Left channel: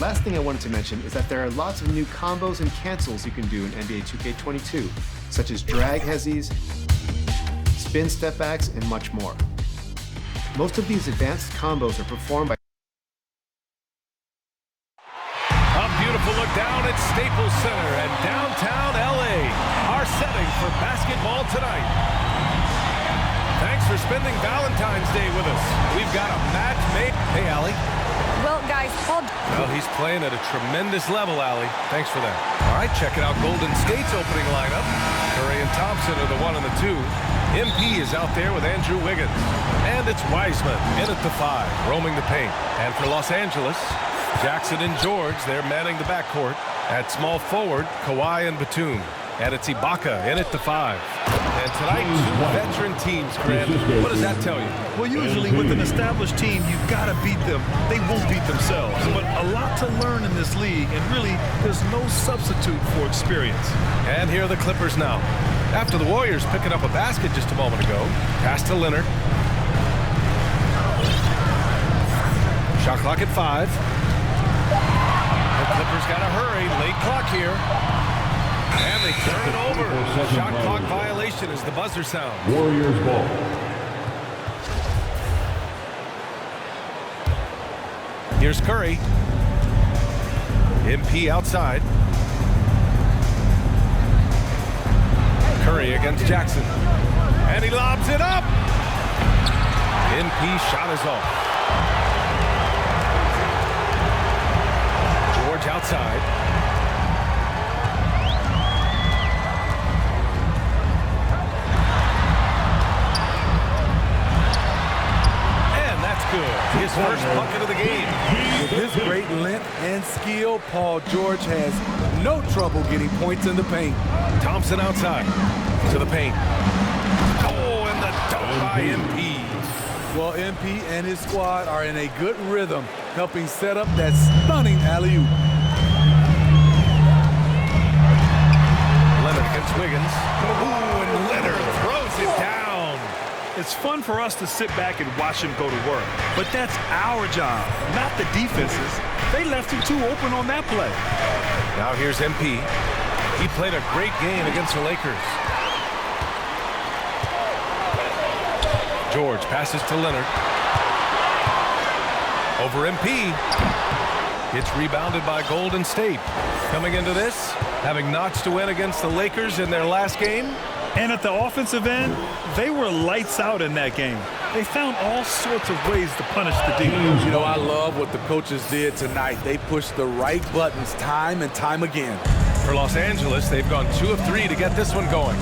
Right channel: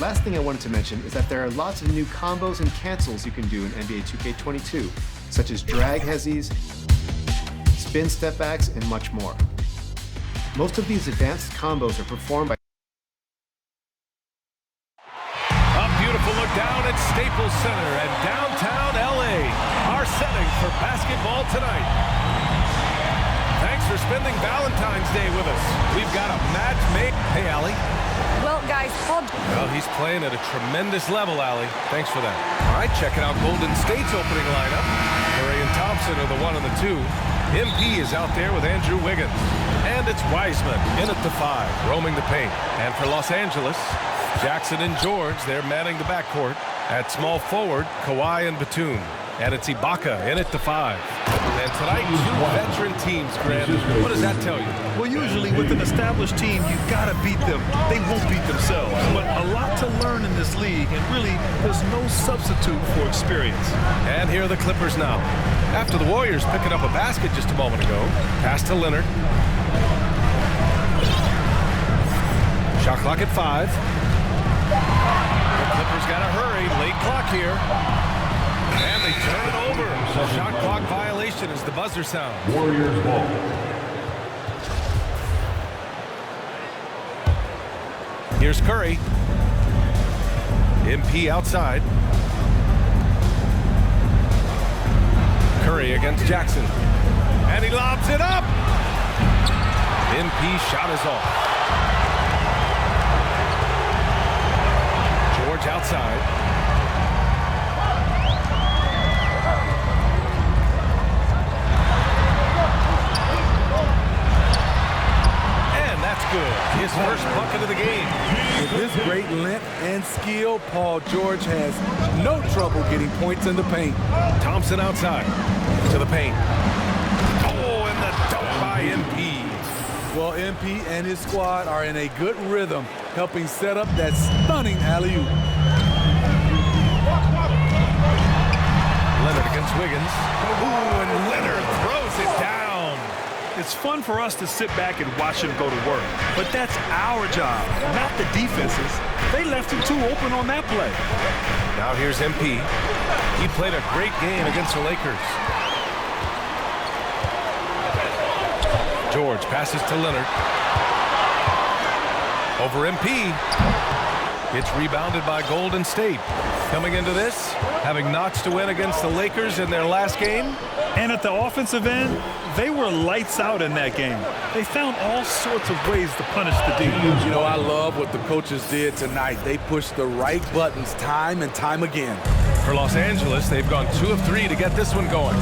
Last thing I wanted to mention is that there are lots of new combos and cancels you can do in NBA 2K22, such as drag hezzies, spin step backs, and much more. Most of these advanced combos are performed by A beautiful look down at Staples Center and downtown LA, our setting for basketball tonight. Thanks for spending Valentine's Day with us. We've got a match made. Hey, Allie. Well, guys, Paul... Well, he's playing at a tremendous level, Allie. Thanks for that. All right, checking out Golden State's opening lineup. Curry and Thompson are the 1 and the 2. MP is out there with Andrew Wiggins. And it's Wiseman in at the 5, roaming the paint. And for Los Angeles, Jackson and George, they're manning the backcourt. At small forward, Kawhi and Batum. And it's Ibaka in at the 5. And tonight, 2 veteran teams, Grant. What does that tell you? Well, usually with an established team, you gotta beat them. They won't beat themselves. But a lot to learn in this league, and really, there's no substitute for experience. And here are the Clippers now. After the Warriors picking up a basket just a moment ago, pass to Leonard. Shot clock at 5. The Clippers got to hurry. Late clock here. And they turn it over. Shot clock violation as the buzzer sounds. Warriors ball. Here's Curry. MP outside. Curry against Jackson. And he lobs it up. MP shot is off. George outside. And that's good. His first bucket of the game. With his great length and skill, Paul George has no trouble getting points in the paint. Thompson outside to the paint. Oh, and the dunk by MP. Well, MP and his squad are in a good rhythm, helping set up that stunning alley-oop. Leonard against Wiggins. Ooh, and Leonard throws it down. It's fun for us to sit back and watch him go to work. But that's our job, not the defense's. They left him too open on that play. Now here's MP. He played a great game against the Lakers. George passes to Leonard. Over MP. It's rebounded by Golden State. Coming into this, having notched a win against the Lakers in their last game. And at the offensive end, they were lights out in that game. They found all sorts of ways to punish the D. You know, I love what the coaches did tonight. They pushed the right buttons time and time again. For Los Angeles, they've gone 2 of 3 to get this one going.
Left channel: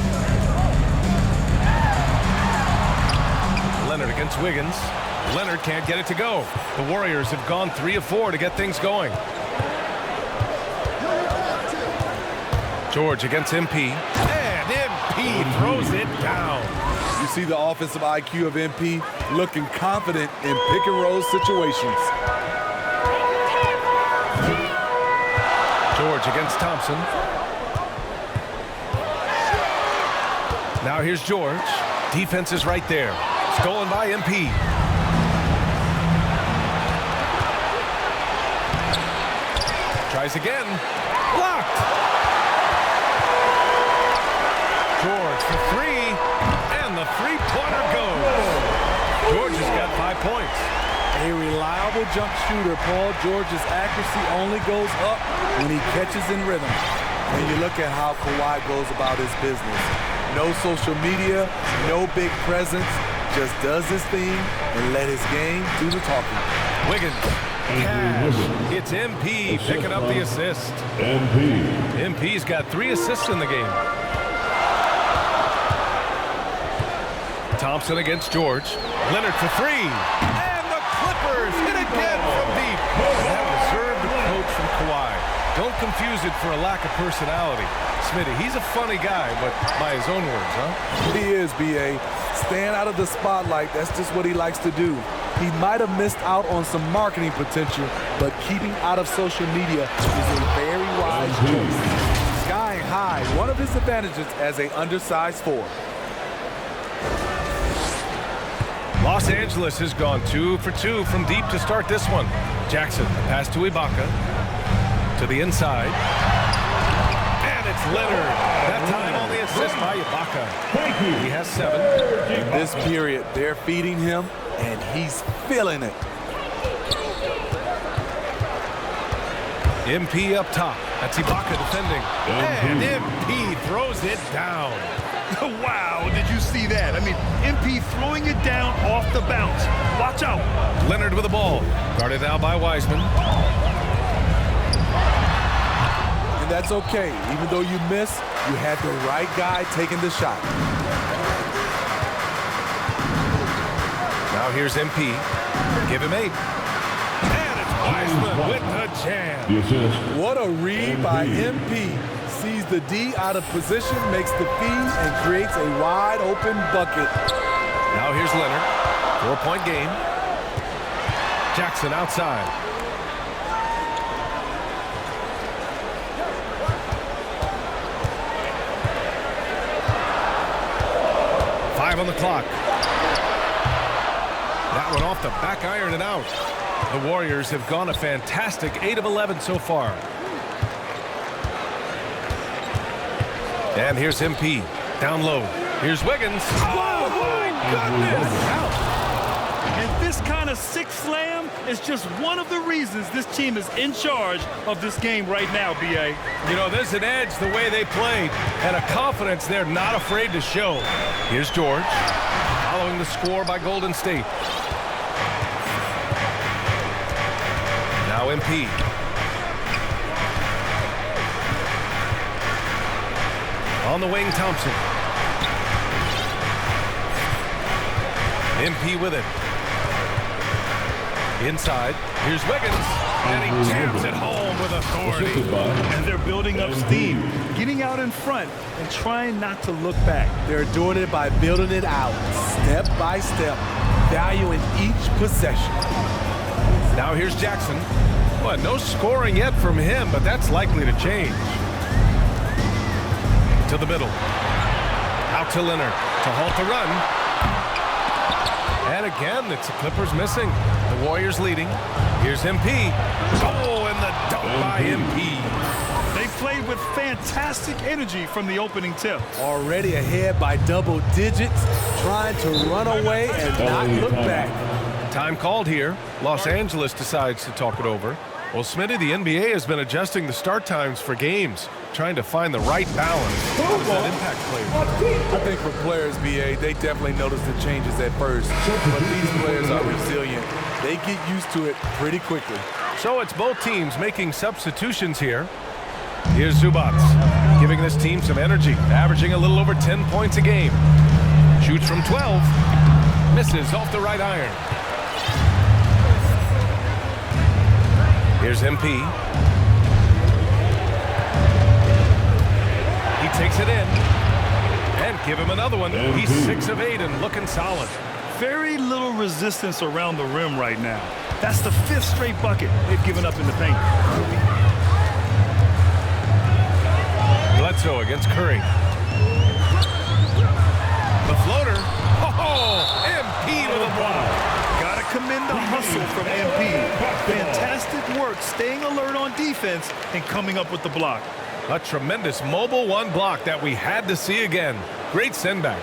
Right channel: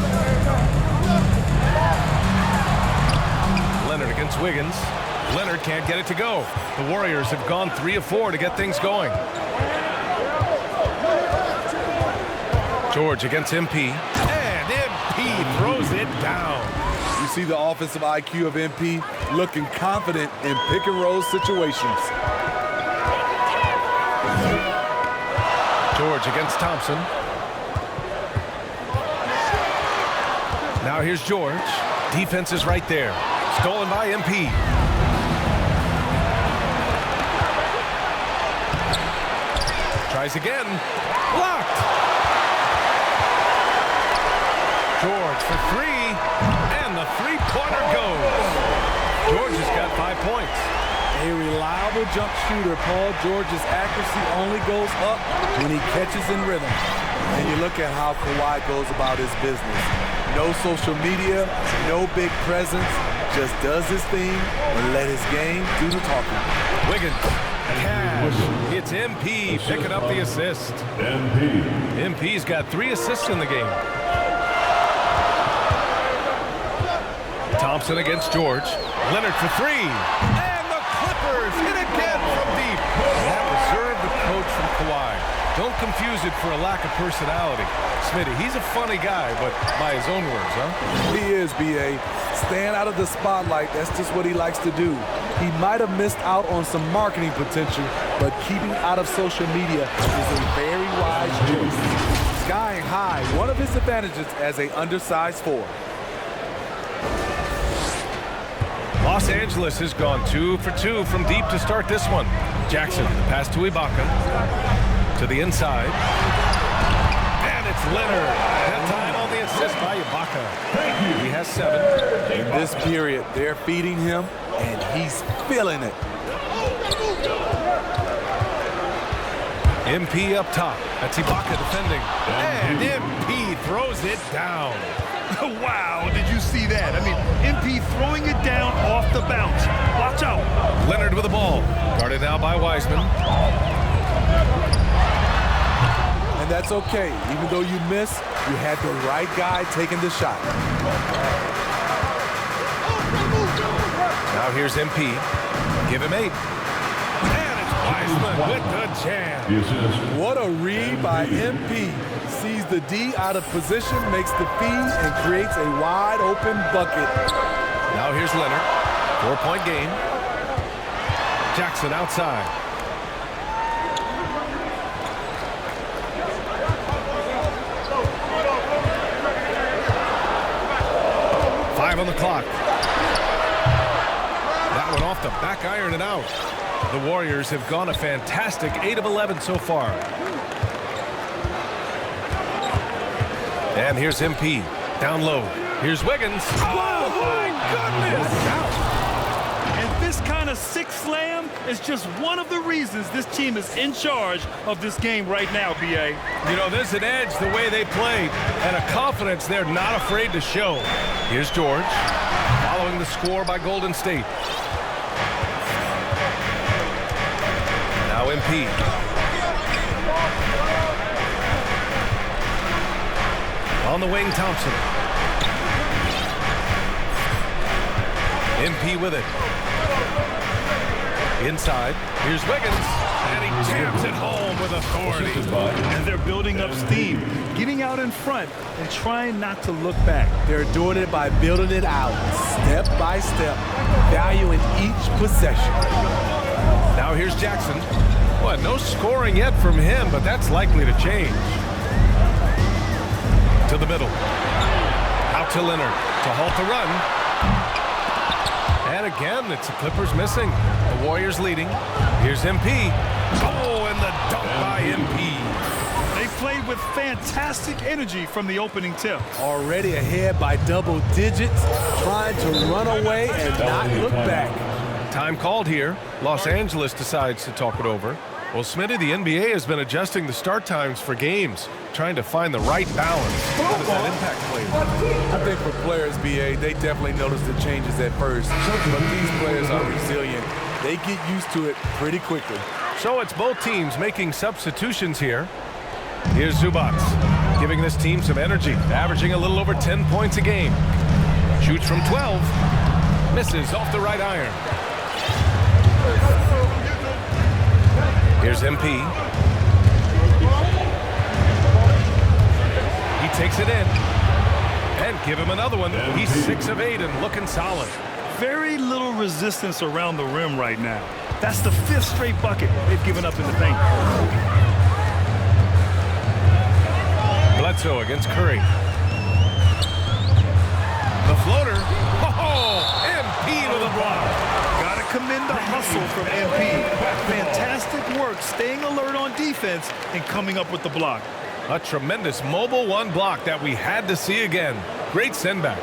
Leonard against Wiggins. Leonard can't get it to go. The Warriors have gone 3 of 4 to get things going. George against MP. And MP throws it down. You see the offensive IQ of MP looking confident in pick and roll situations. George against Thompson. Now here's George. Defense is right there. Stolen by MP. Tries again. Blocked. George for 3. And the three-pointer goes. George has got 5 points. A reliable jump shooter. Paul George's accuracy only goes up when he catches in rhythm. And you look at how Kawhi goes about his business. No social media, no big presence, just does his thing and let his game do the talking. Wiggins, cash. It's MP picking up the assist. MP's got 3 assists in the game. Thompson against George. Leonard for 3. And the Clippers hit again from deep. And that reserved approach from Kawhi. Don't confuse it for a lack of personality. Smitty, he's a funny guy, but by his own words, huh? He is, B.A. Staying out of the spotlight, that's just what he likes to do. He might have missed out on some marketing potential, but keeping out of social media is a very wise choice. Skying high, one of his advantages as an undersized 4. Los Angeles has gone 2 for 2 from deep to start this one. Jackson, the pass to Ibaka. To the inside. And it's Leonard. That time on the assist by Ibaka. He has 7. In this period, they're feeding him, and he's feeling it. MP up top. That's Ibaka defending. And MP throws it down. Wow, did you see that? I mean, MP throwing it down off the bounce. Watch out. Leonard with the ball. Guarded now by Wiseman. And that's okay. Even though you miss, you had the right guy taking the shot. Now here's MP. Give him 8. And it's Wiseman with the jam. What a read by MP. Sees the D out of position, makes the feed, and creates a wide open bucket. Now here's Leonard. 4-point game. Jackson outside. Five on the clock. That one off the back iron and out. The Warriors have gone a fantastic 8 of 11 so far. And here's MP. Down low. Here's Wiggins. Oh, my goodness. That's out. And this kind of sick slam is just one of the reasons this team is in charge of this game right now, B.A. You know, there's an edge the way they played and a confidence they're not afraid to show. Here's George, following the score by Golden State. Now MP. On the wing, Thompson. MP with it. Inside, here's Wiggins, and he jams it home with authority. And they're building up steam, getting out in front and trying not to look back. They're doing it by building it out, step by step, valuing each possession. Now here's Jackson. Well, no scoring yet from him, but that's likely to change. To the middle. Out to Leonard to halt the run. And again, it's the Clippers missing. The Warriors leading. Here's MP. Oh, and the dunk by MP. They played with fantastic energy from the opening tip. Already ahead by double digits, trying to run away and not look back. Time called here. Los Angeles decides to talk it over. Well, Smitty, the NBA has been adjusting the start times for games, trying to find the right balance. How does that impact players? I think for players, BA, they definitely notice the changes at first, but these players are resilient. They get used to it pretty quickly. So it's both teams making substitutions here. Here's Zubac, giving this team some energy, averaging a little over 10 points a game. Shoots from 12, misses off the right iron. Here's MP. He takes it in. And give him another one. He's 6 of 8 and looking solid. Very little resistance around the rim right now. That's the 5th straight bucket they've given up in the paint. Bledsoe against Curry. The floater. Oh, MP with a block. Gotta commend the hustle from MP. Fantastic work staying alert on defense and coming up with the block. A tremendous mobile one block that we had to see again. Great send back.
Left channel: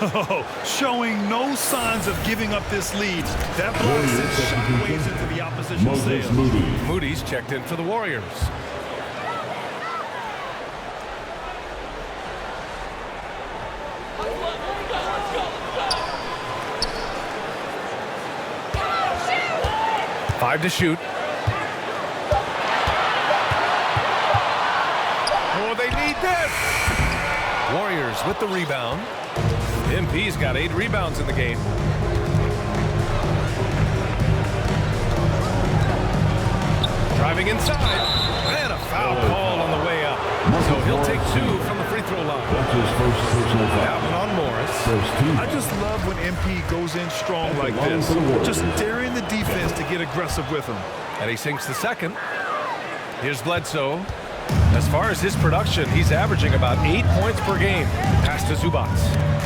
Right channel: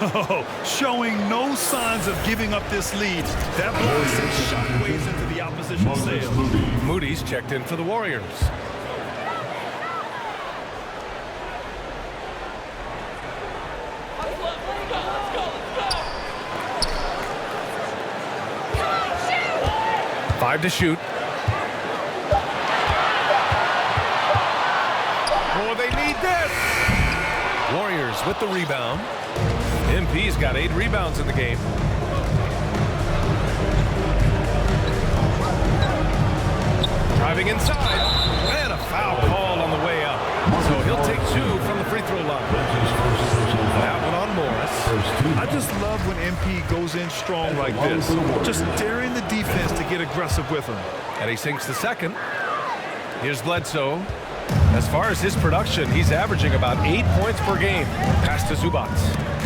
Oh, showing no signs of giving up this lead. That block sent shockwaves into the opposition sails. Moody's checked in for the Warriors. Five to shoot. Oh, they need this. Warriors with the rebound. MP's got 8 rebounds in the game. Driving inside, and a foul called on the way up. So he'll take 2 from the free throw line. That one on Morris. I just love when MP goes in strong like this. Just daring the defense to get aggressive with him. And he sinks the second. Here's Bledsoe. As far as his production, he's averaging about 8 points per game. Pass to Zubac.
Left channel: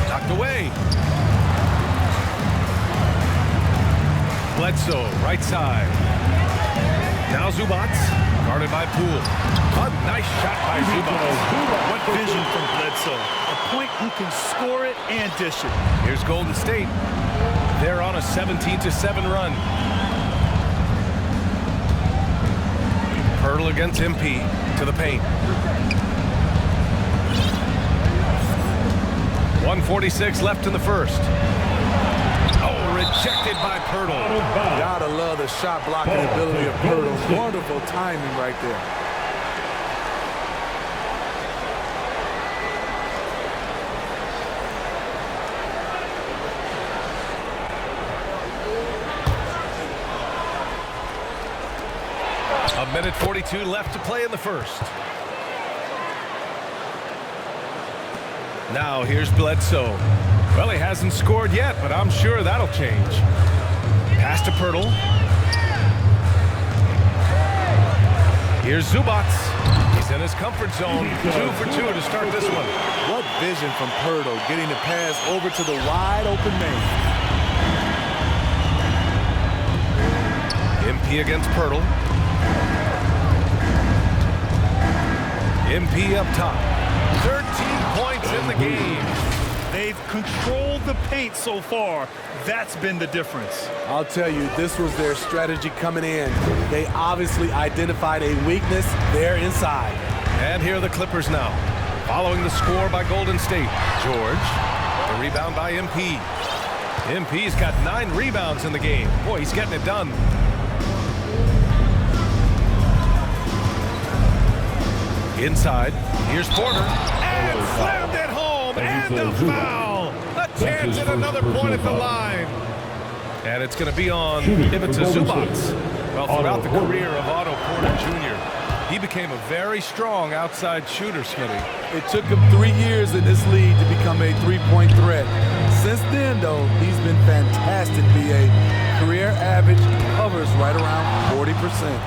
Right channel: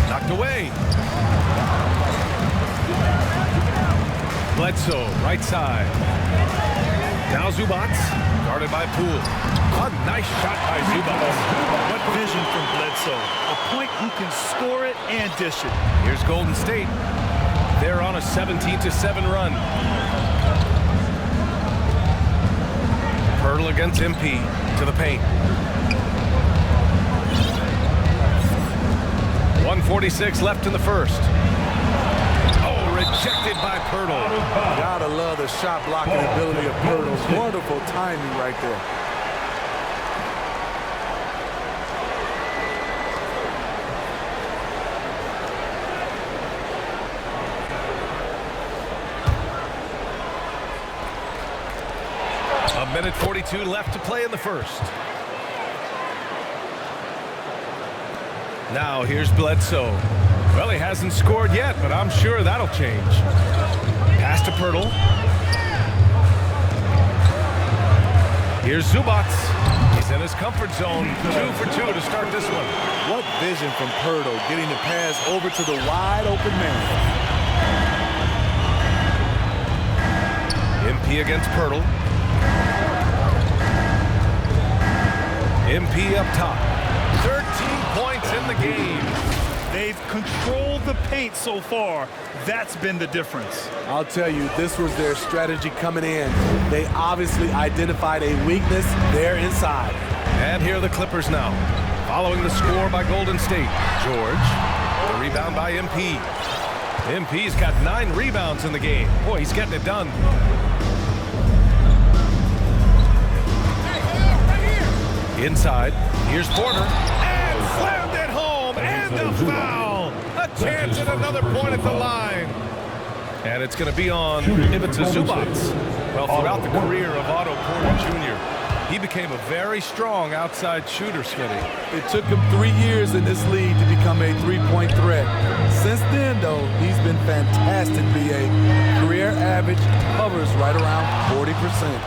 Knocked away. Bledsoe, right side. Now Zubac, guarded by Poole. A nice shot by Zubac. What vision from Bledsoe. A point who can score it and dish it. Here's Golden State. They're on a 17-7 run. Pirtle against MP to the paint. 1:46 left in the first. Oh, rejected by Pirtle. Gotta love the shot blocking ability of Pirtle. Wonderful timing right there. A minute 42 left to play in the first. Now here's Bledsoe. Well, he hasn't scored yet, but I'm sure that'll change. Pass to Pirtle. Here's Zubac. He's in his comfort zone. 2 for 2 to start this one. What vision from Pirtle, getting the pass over to the wide open man. MP against Pirtle. MP up top. 13 points in the game. They've controlled the paint so far. That's been the difference. I'll tell you, this was their strategy coming in. They obviously identified a weakness there inside. And here are the Clippers now. Following the score by Golden State. George. The rebound by MP. MP's got 9 rebounds in the game. Boy, he's getting it done. Inside, here's Porter, and slammed it home, and a foul! A chance at another point at the line. And it's going to be on Ivica Zubac. Well, throughout the career of Otto Porter Jr., he became a very strong outside shooter, Smitty. It took him 3 years in this league to become a three-point threat. Since then, though, he's been fantastic, BA. Career average hovers right around 40%.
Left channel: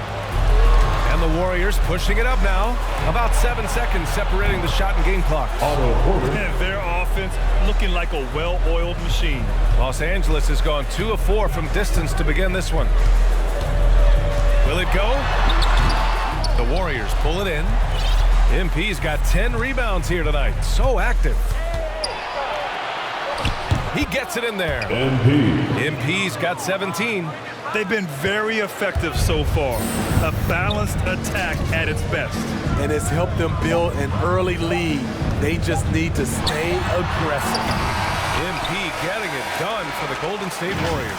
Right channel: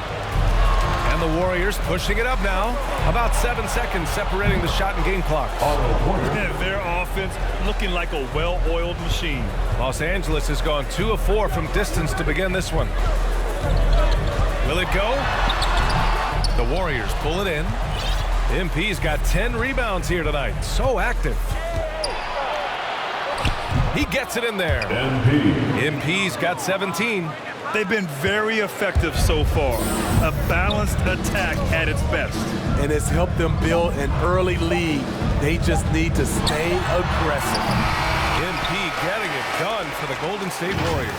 And the Warriors pushing it up now. About 7 seconds separating the shot and game clocks. And their offense looking like a well-oiled machine. Los Angeles has gone 2 of 4 from distance to begin this one. Will it go? The Warriors pull it in. MP's got 10 rebounds here tonight. So active. He gets it in there. MP's got 17. They've been very effective so far. A balanced attack at its best. And it's helped them build an early lead. They just need to stay aggressive. MP getting it done for the Golden State Warriors.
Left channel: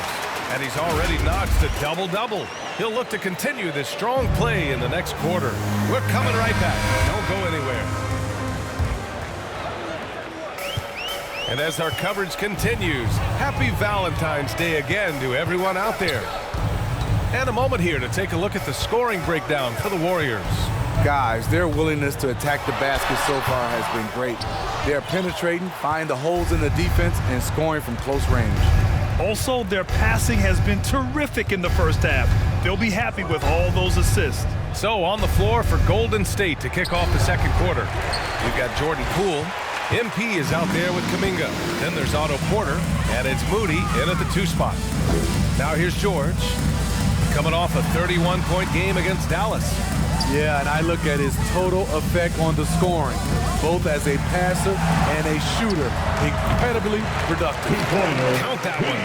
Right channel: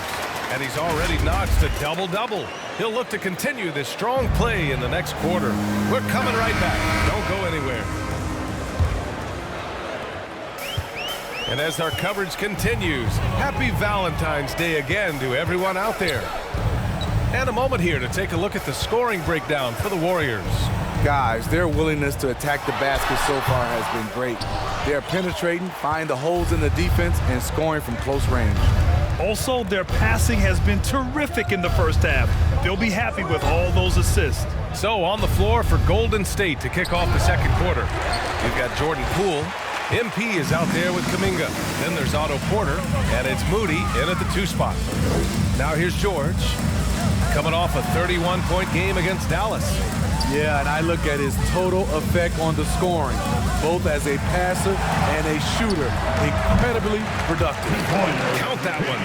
And he's already notched a double-double. He'll look to continue this strong play in the next quarter. We're coming right back. Don't go anywhere. And as our coverage continues, happy Valentine's Day again to everyone out there. And a moment here to take a look at the scoring breakdown for the Warriors. Guys, their willingness to attack the basket so far has been great. They're penetrating, finding the holes in the defense, and scoring from close range. Also, their passing has been terrific in the first half. They'll be happy with all those assists. So on the floor for Golden State to kick off the second quarter. We've got Jordan Poole. MP is out there with Kuminga. Then there's Otto Porter, and it's Moody in at the 2 spot. Now here's George, coming off a 31-point game against Dallas. Yeah, and I look at his total effect on the scoring, both as a passer and a shooter. Incredibly productive. Count that one.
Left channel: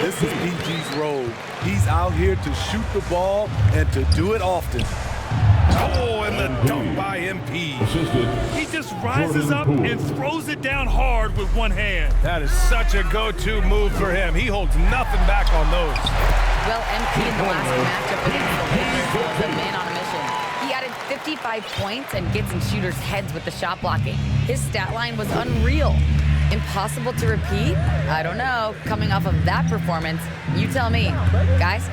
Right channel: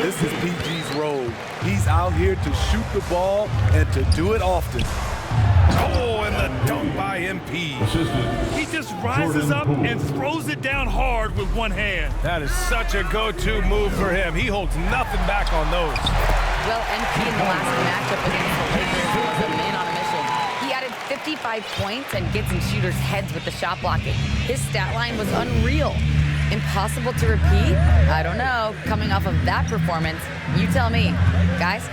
This is PG's role. He's out here to shoot the ball and to do it often. Oh, and the dunk by MP. He just rises up and throws it down hard with one hand. That is such a go-to move for him. He holds nothing back on those. Well, MP in the last matchup against the Lakers was a man on a mission. He added 55 points and gets in shooters' heads with the shot blocking. His stat line was unreal. Impossible to repeat? I don't know. Coming off of that performance, you tell me. Guys?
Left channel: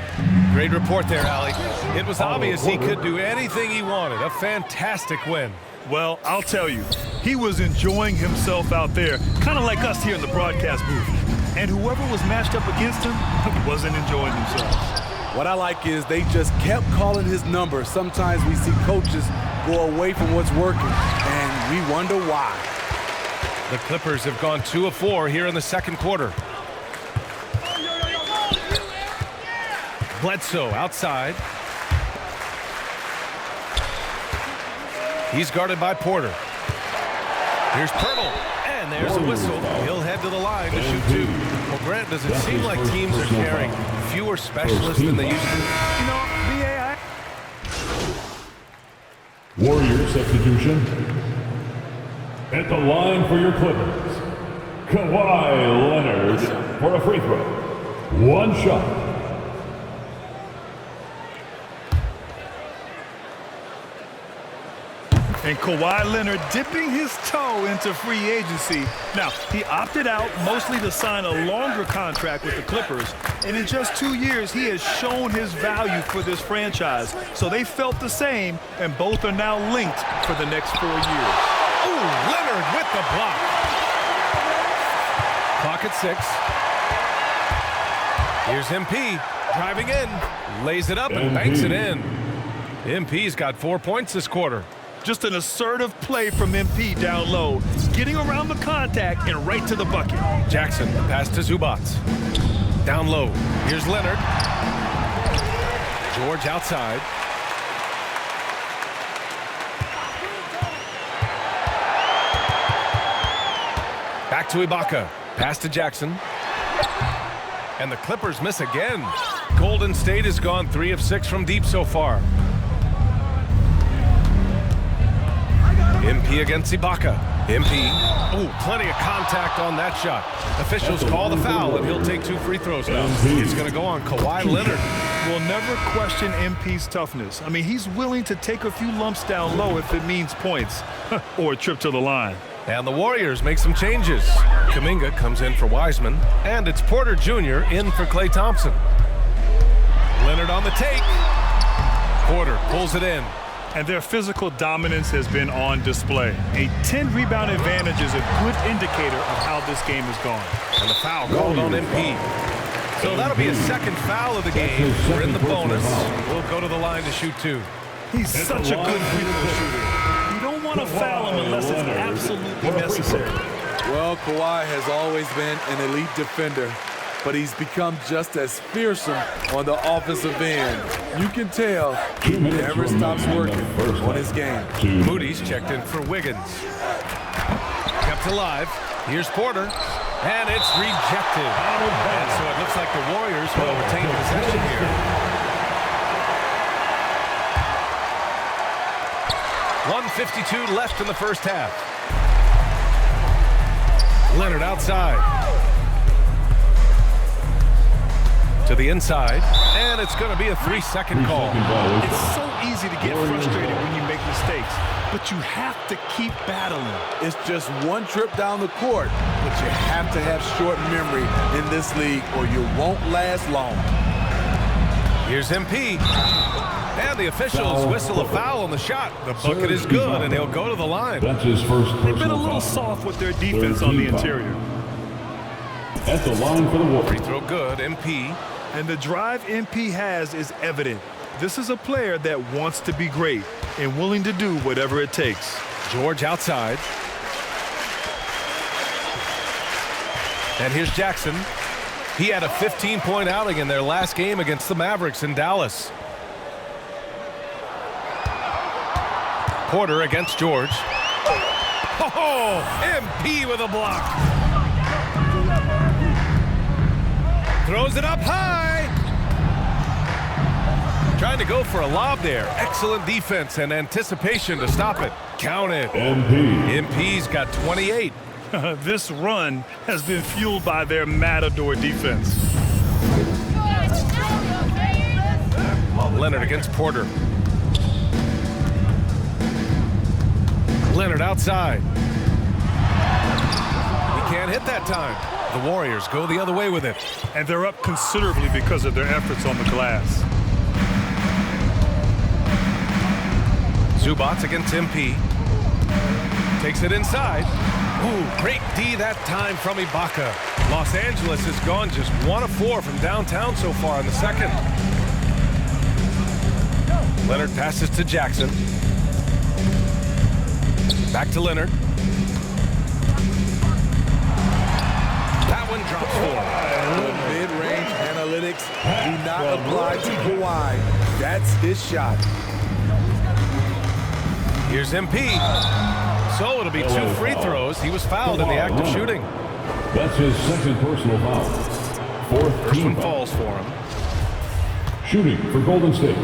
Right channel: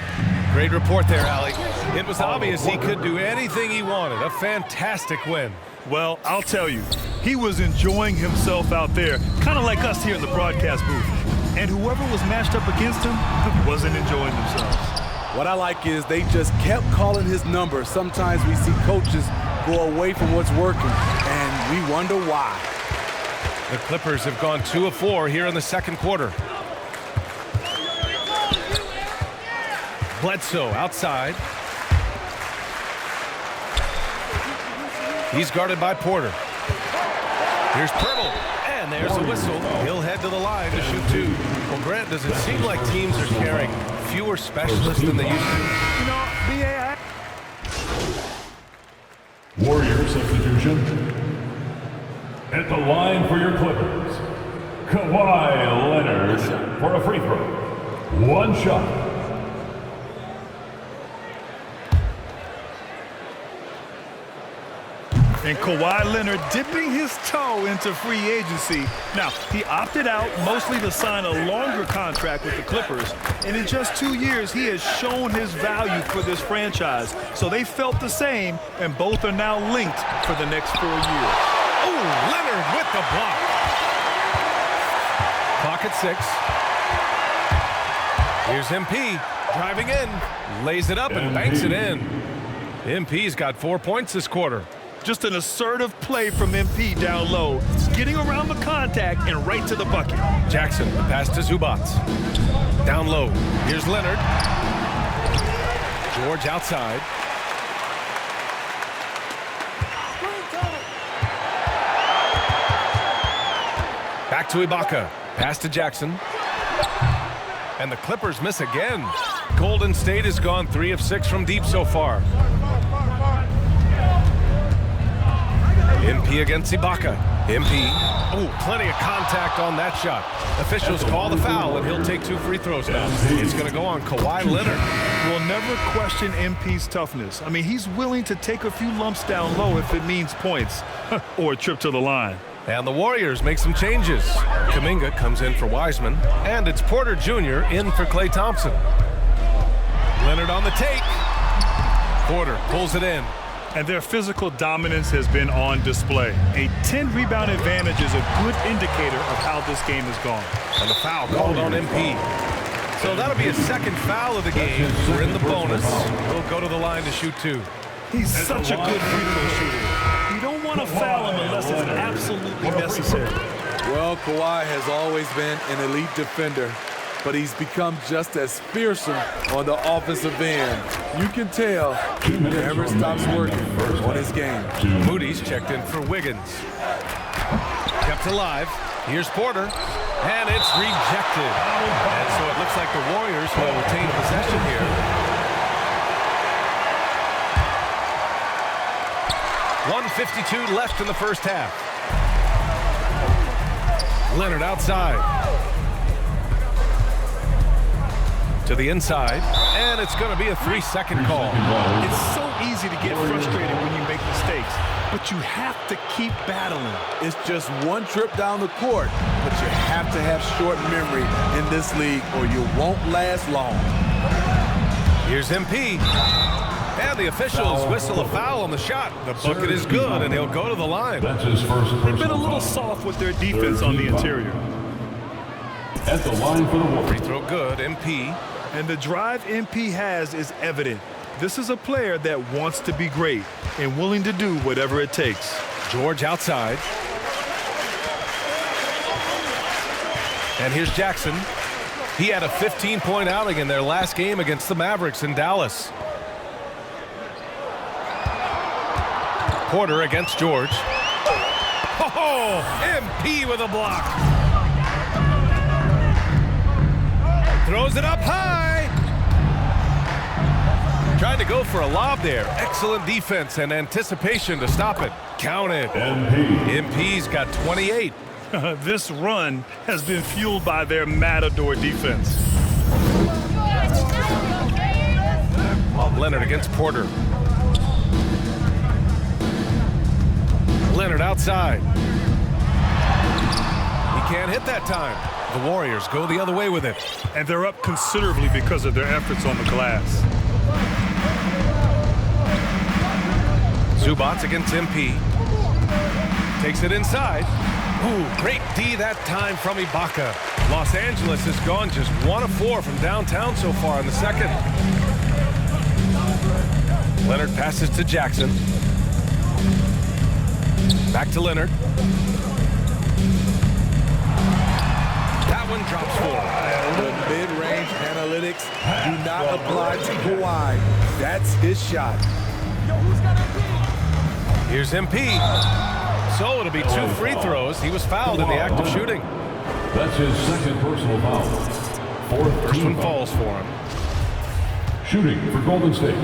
Great report there, Allie. It was obvious he could do anything he wanted. A fantastic win. Well, I'll tell you, he was enjoying himself out there, kind of like us here in the broadcast booth. And whoever was matched up against him wasn't enjoying themselves. What I like is they just kept calling his number. Sometimes we see coaches go away from what's working, and we wonder why. The Clippers have gone 2 of 4 here in the second quarter. Bledsoe outside. He's guarded by Porter. Here's Pirtle, and there's a whistle. He'll head to the line to shoot 2. Well, Grant, does it seem like teams are carrying fewer specialists than they used to? You know, BA, Warrior substitution. At the line for your Clippers, Kawhi Leonard for a free throw. 1 shot. And Kawhi Leonard dipping his toe into free agency. Now, he opted out mostly to sign a longer contract with the Clippers. And in just 2 years, he has shown his value for this franchise. So they felt the same, and both are now linked for the next 4 years. Oh, Leonard with the block. Clock at 6. Here's MP driving in, lays it up and banks it in. MP's got 4 points this quarter. Just an assertive play from MP down low, getting around the contact and right to the bucket. Jackson, the pass to Zubac. Down low. Here's Leonard. George outside. Back to Ibaka. Pass to Jackson. And the Clippers miss again. Golden State has gone 3 of 6 from deep so far. MP against Ibaka. MP. Oh, plenty of contact on that shot. Officials call the foul, and he'll take 2 free throws now. It's going to go on Kawhi Leonard. We'll never question MP's toughness. I mean, he's willing to take a few lumps down low if it means points or a trip to the line. And the Warriors make some changes. Kuminga comes in for Wiseman, and it's Porter Jr. in for Klay Thompson. Leonard on the take. Porter pulls it in. And their physical dominance has been on display. A 10-rebound advantage is a good indicator of how this game has gone. And the foul called on MP. So that'll be a second foul of the game. We're in the bonus. We'll go to the line to shoot 2. He's such a good free throw shooter. You don't want to foul him unless it's absolutely necessary. Well, Kawhi has always been an elite defender, but he's become just as fearsome on the offensive end. You can tell he never stops working on his game. Moody's checked in for Wiggins. Kept alive. Here's Porter. And it's rejected. And so it looks like the Warriors will retain possession here. .152 left in the first half. Leonard outside. To the inside, and it's going to be a 3-second call. It's so easy to get frustrated when you make mistakes, but you have to keep battling. It's just one trip down the court, but you have to have short memory in this league or you won't last long. Here's MP, and the officials whistle a foul on the shot. The bucket is good, and he'll go to the line. They've been a little soft with their defense on the interior. At the line for the Warriors. Free throw good, MP. And the drive MP has is evident. This is a player that wants to be great and willing to do whatever it takes. George outside. And here's Jackson. He had a 15-point outing in their last game against the Mavericks in Dallas. Porter against George. Oh, MP with a block. Throws it up high. Trying to go for a lob there. Excellent defense and anticipation to stop it. Count it. MP's got 28. This run has been fueled by their Matador defense. Leonard against Porter. Leonard outside. He can't hit that time. The Warriors go the other way with it. And they're up considerably because of their efforts on the glass. Zubats against MP. Takes it inside. Ooh, great D that time from Ibaka. Los Angeles has gone just 1 of 4 from downtown so far in the second. Leonard passes to Jackson. Back to Leonard. That one drops for him. The mid-range analytics do not apply to Kawhi. That's his shot. Here's MP. So it'll be 2 free throws. He was fouled in the act of shooting. That's his second personal foul. First one falls for him. Shooting for Golden State,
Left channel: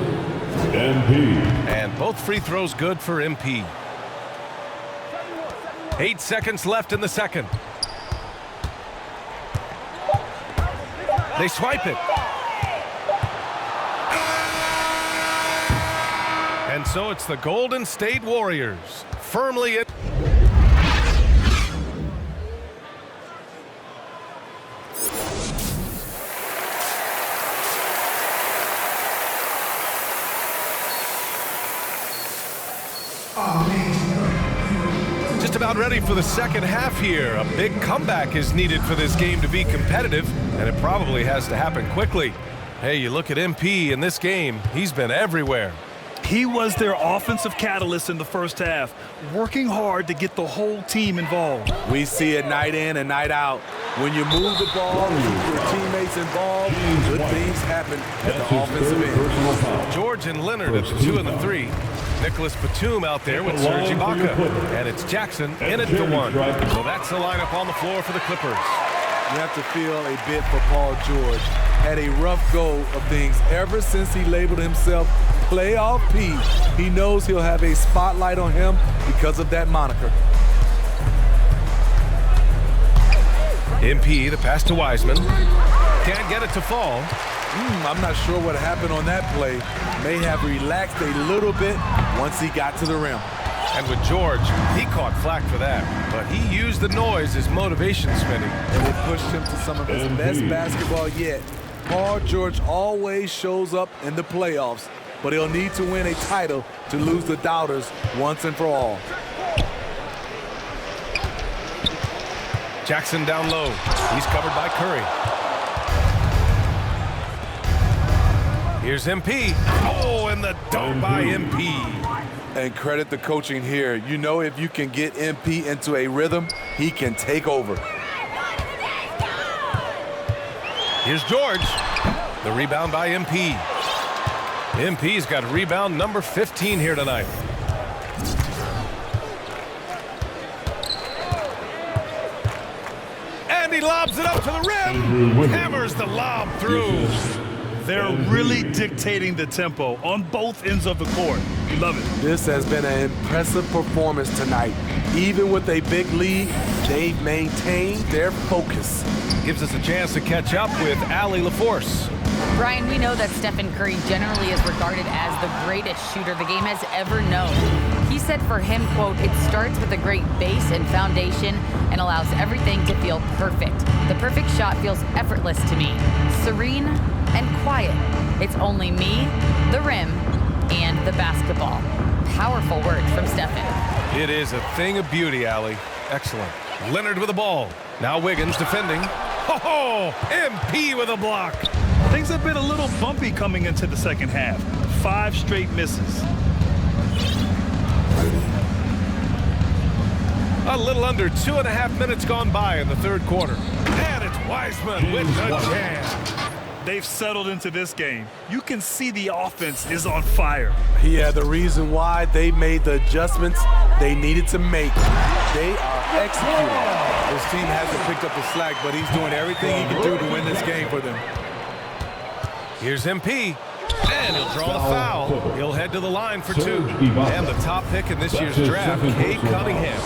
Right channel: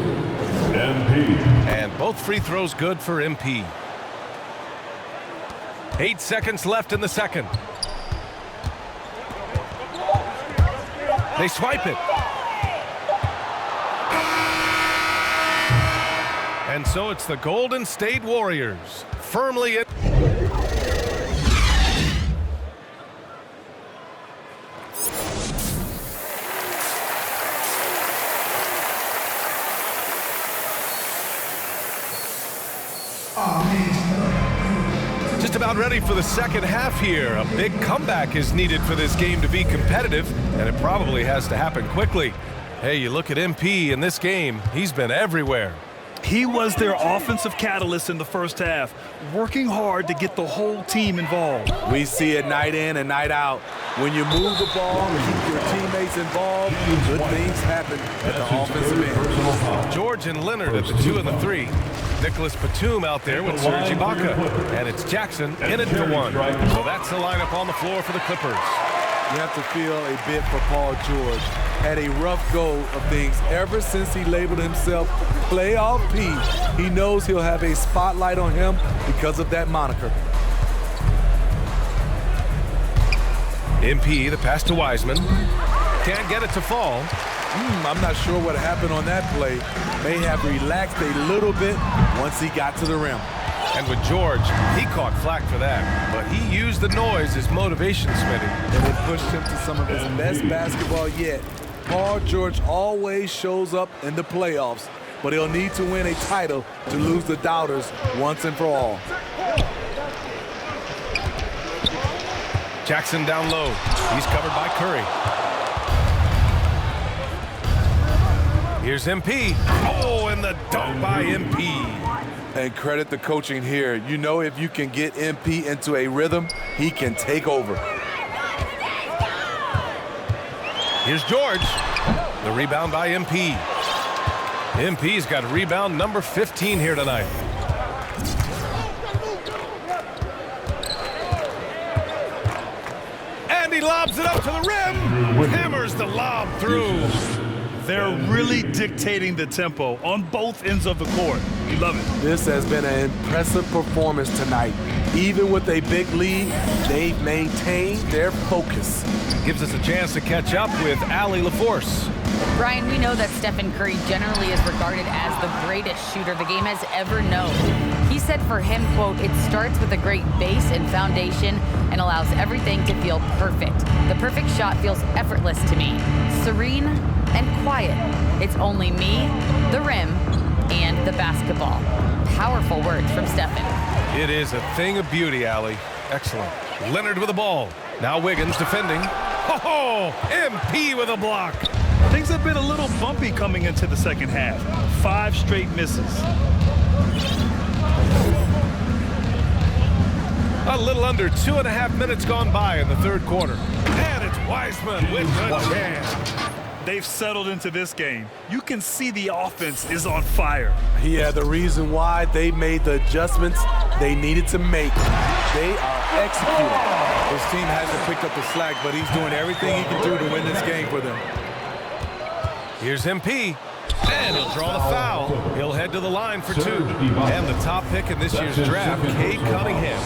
MP. And both free throws good for MP. 8 seconds left in the second. They swipe it. And so it's the Golden State Warriors firmly in. Just about ready for the second half here. A big comeback is needed for this game to be competitive, and it probably has to happen quickly. Hey, you look at MP in this game, he's been everywhere. He was their offensive catalyst in the first half, working hard to get the whole team involved. We see it night in and night out. When you move the ball, keep your teammates involved, good things happen at the offensive end. George and Leonard at the 2 and the 3. Nicholas Batum out there with Serge Ibaka. And it's Jackson in at the 1. So that's the lineup on the floor for the Clippers. You have to feel a bit for Paul George. Had a rough go of things ever since he labeled himself Playoff P. He knows he'll have a spotlight on him because of that moniker. MP, the pass to Wiseman. Can't get it to fall. I'm not sure what happened on that play. May have relaxed a little bit once he got to the rim. And with George, he caught flack for that. But he used the noise as motivation, Smitty. And it pushed him to some of his best basketball yet. Paul George always shows up in the playoffs, but he'll need to win a title to lose the doubters once and for all. Jackson down low. He's covered by Curry. Here's MP. Oh, and the dunk by MP. And credit the coaching here. You know, if you can get MP into a rhythm, he can take over. Here's George. The rebound by MP. MP's got rebound number 15 here tonight. And he lobs it up to the rim. Hammers the lob through. They're really dictating the tempo on both ends of the court. You love it. This has been an impressive performance tonight. Even with a big lead, they've maintained their focus. Gives us a chance to catch up with Allie LaForce. Brian, we know that Stephen Curry generally is regarded as the greatest shooter the game has ever known. He said for him, quote, "It starts with a great base and foundation and allows everything to feel perfect. The perfect shot feels effortless to me, serene and quiet. It's only me, the rim, and the basketball." Powerful words from Stephen. It is a thing of beauty, Allie. Excellent. Leonard with the ball. Now Wiggins defending. Ho-ho! MP with a block. Things have been a little bumpy coming into the second half. 5 straight misses. A little under 2.5 minutes gone by in the third quarter. And it's Wiseman with the jam. They've settled into this game. You can see the offense is on fire. Yeah, the reason why they made the adjustments they needed to make. They are executing. His team hasn't picked up the slack, but he's doing everything he can do to win this game for them. Here's MP. And he'll draw the foul. He'll head to the line for 2. And the top pick in this year's draft, Cade Cunningham.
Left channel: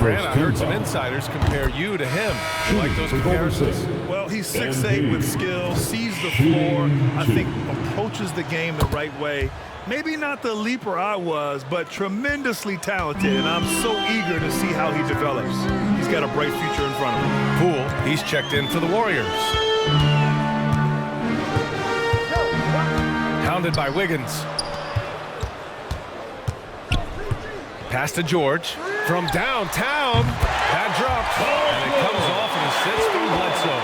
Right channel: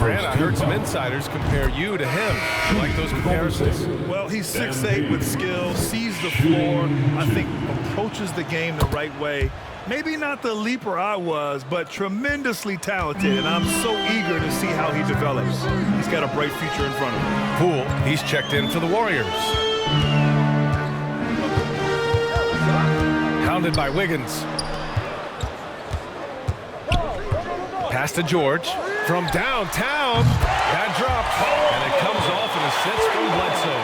Grant, I heard some insiders compare you to him. You like those comparisons? Well, he's 6'8" with skill, sees the floor, I think approaches the game the right way. Maybe not the leaper I was, but tremendously talented, and I'm so eager to see how he develops. He's got a bright future in front of him. Poole, he's checked in for the Warriors. Hounded by Wiggins. Pass to George from downtown. That drops, and it comes off an assist from Bledsoe.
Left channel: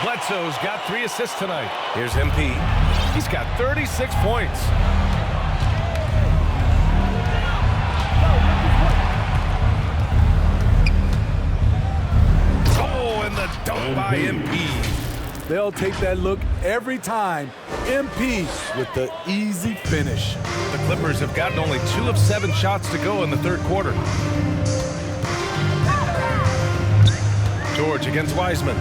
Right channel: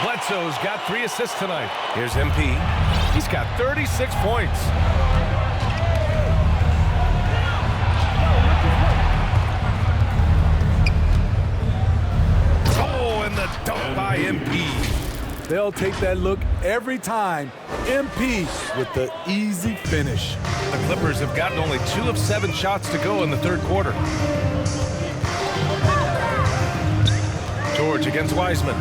Bledsoe's got 3 assists tonight. Here's MP. He's got 36 points. Oh, and the dunk by MP. They'll take that look every time. MP with the easy finish. The Clippers have gotten only 2 of 7 shots to go in the third quarter. George against Wiseman.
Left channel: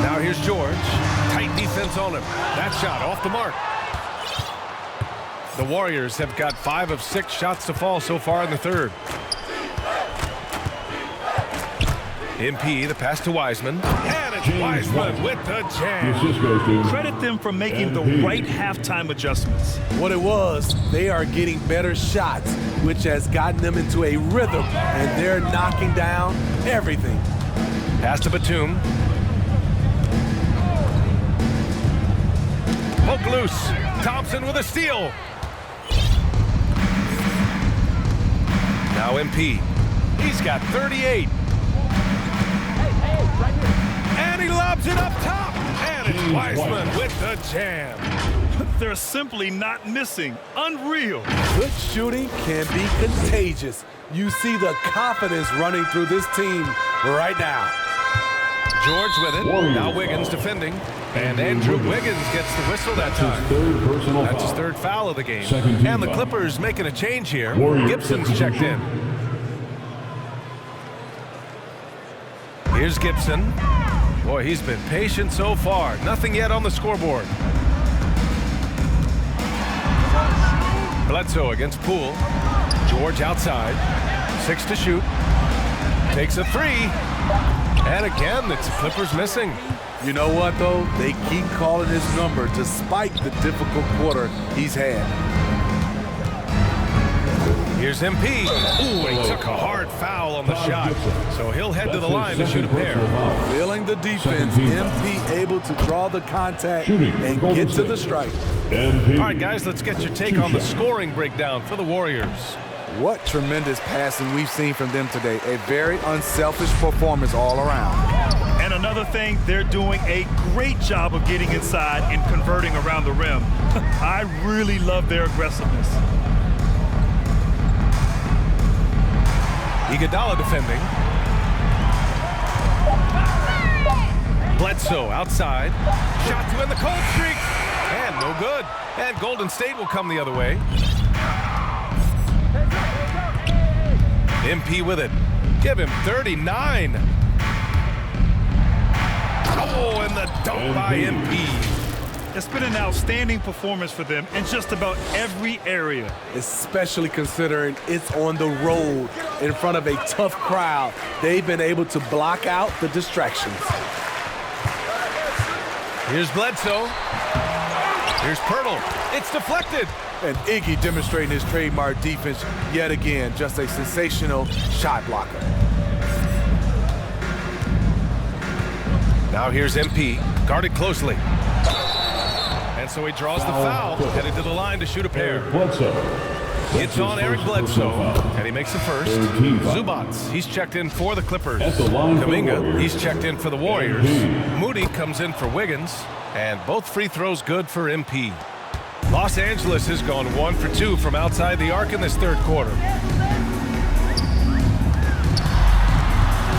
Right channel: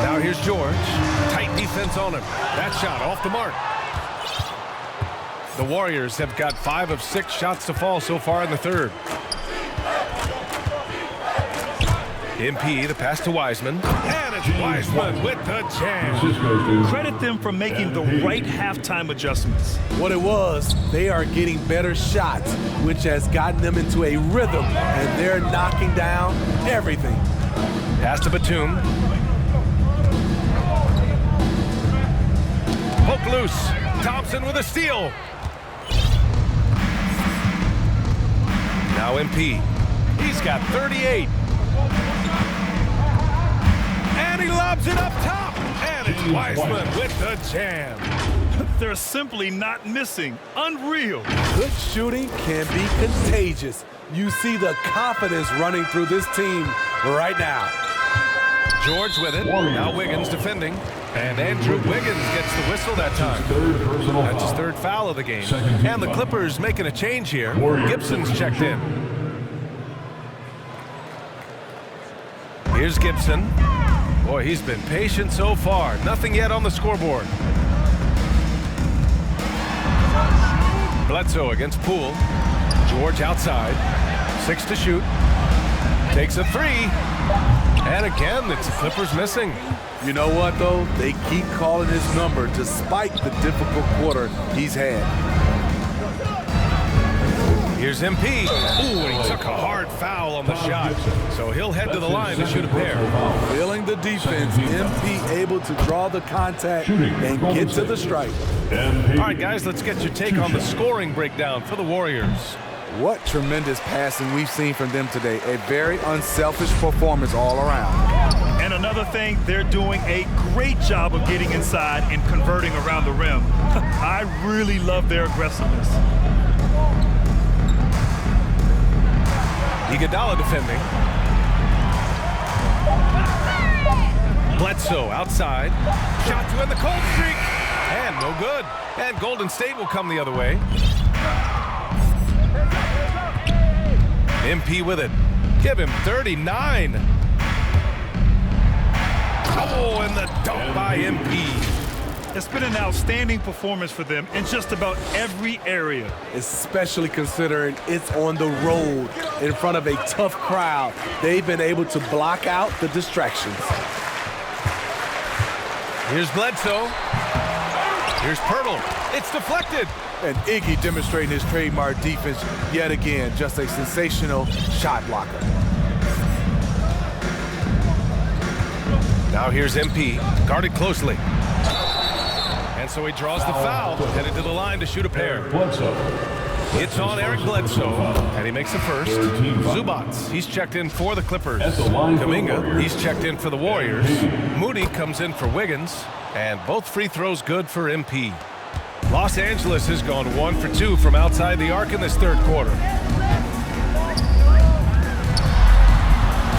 Now here's George. Tight defense on him. That shot off the mark. The Warriors have got 5 of 6 shots to fall so far in the third. MP, the pass to Wiseman. And it's Wiseman with the jam. Credit them for making the right halftime adjustments. What it was, they are getting better shots, which has gotten them into a rhythm, and they're knocking down everything. Pass to Batum. Poke loose. Thompson with a steal. Now MP. He's got 38. And he lobs it up top. And it's Wiseman with the jam. They're simply not missing. Unreal. Good shooting can be contagious. You see the confidence running through this team right now. George with it. Now Wiggins defending. And Andrew Wiggins gets the whistle that time. That's his 3rd foul of the game. And the Clippers making a change here. Gibson's checked in. Here's Gibson. Boy, he's been patient so far. Nothing yet on the scoreboard. Bledsoe against Poole. George outside. 6 to shoot. Takes a 3. And again, it's the Clippers missing. You know what, though? They keep calling his number despite the difficult quarter he's had. Here's MP. Ooh, and he took a hard foul on the shot. So he'll head to the line to shoot a pair. Feeling the defense, MP able to draw the contact and get to the strike. All right, guys, let's get your take on the scoring breakdown for the Warriors. What tremendous passing we've seen from them today. A very unselfish performance all around. And another thing, they're doing a great job of getting inside and converting around the rim. I really love their aggressiveness. Iguodala defending. Bledsoe outside. Shot to end the cold streak. And no good. And Golden State will come the other way. MP with it. Give him 39. Oh, and the dunk by MP. It's been an outstanding performance for them in just about every area. Especially considering it's on the road in front of a tough crowd. They've been able to block out the distractions. Here's Bledsoe. Here's Pirtle. It's deflected. And Iggy demonstrating his trademark defense yet again. Just a sensational shot blocker. Now here's MP, guarded closely. And so he draws the foul, headed to the line to shoot a pair. It's on Eric Bledsoe, and he makes the first. Zubats, he's checked in for the Clippers. Kuminga, he's checked in for the Warriors. Moody comes in for Wiggins, and both free throws good for MP. Los Angeles has gone 1 for 2 from outside the arc in this third quarter.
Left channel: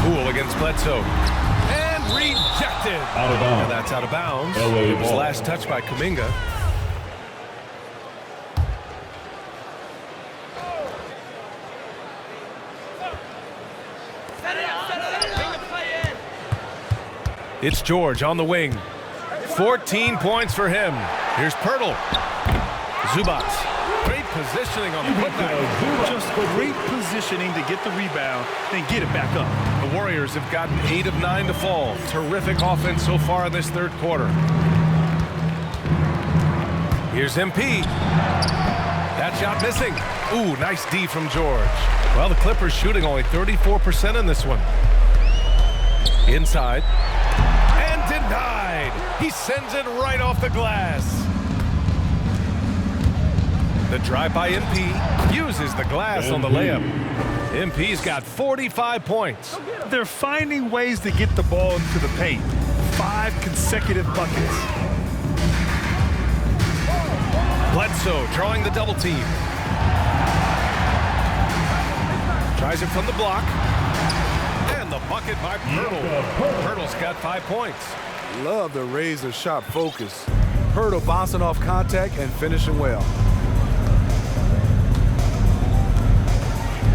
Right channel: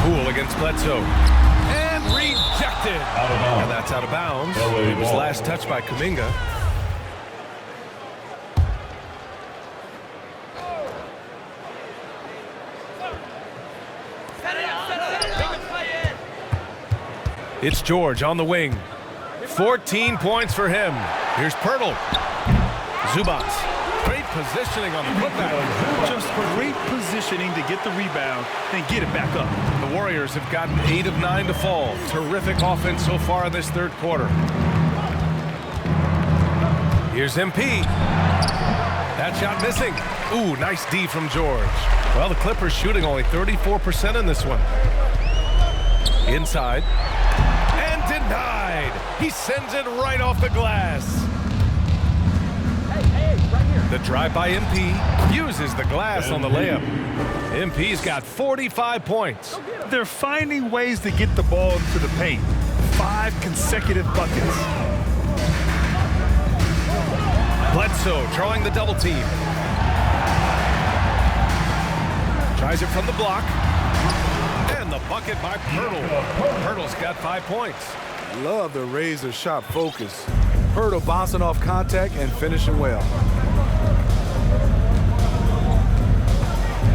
Poole against Bledsoe. And rejected. And that's out of bounds. It was last touched by Kuminga. It's George on the wing. 14 points for him. Here's Pirtle. Zubats Great positioning on the putback. Just great positioning to get the rebound, then get it back up. The Warriors have gotten 8 of 9 to fall. Terrific offense so far in this third quarter. Here's MP. That shot missing. Ooh, nice D from George. Well, the Clippers shooting only 34% in this one. Inside. And denied. He sends it right off the glass. The drive by MP uses the glass on the layup. MP's got 45 points. They're finding ways to get the ball into the paint. 5 consecutive buckets. Bledsoe drawing the double team. Tries it from the block. And the bucket by Pirtle. Pirtle's got 5 points. Love the razor-sharp focus. Pirtle bouncing off contact and finishing well.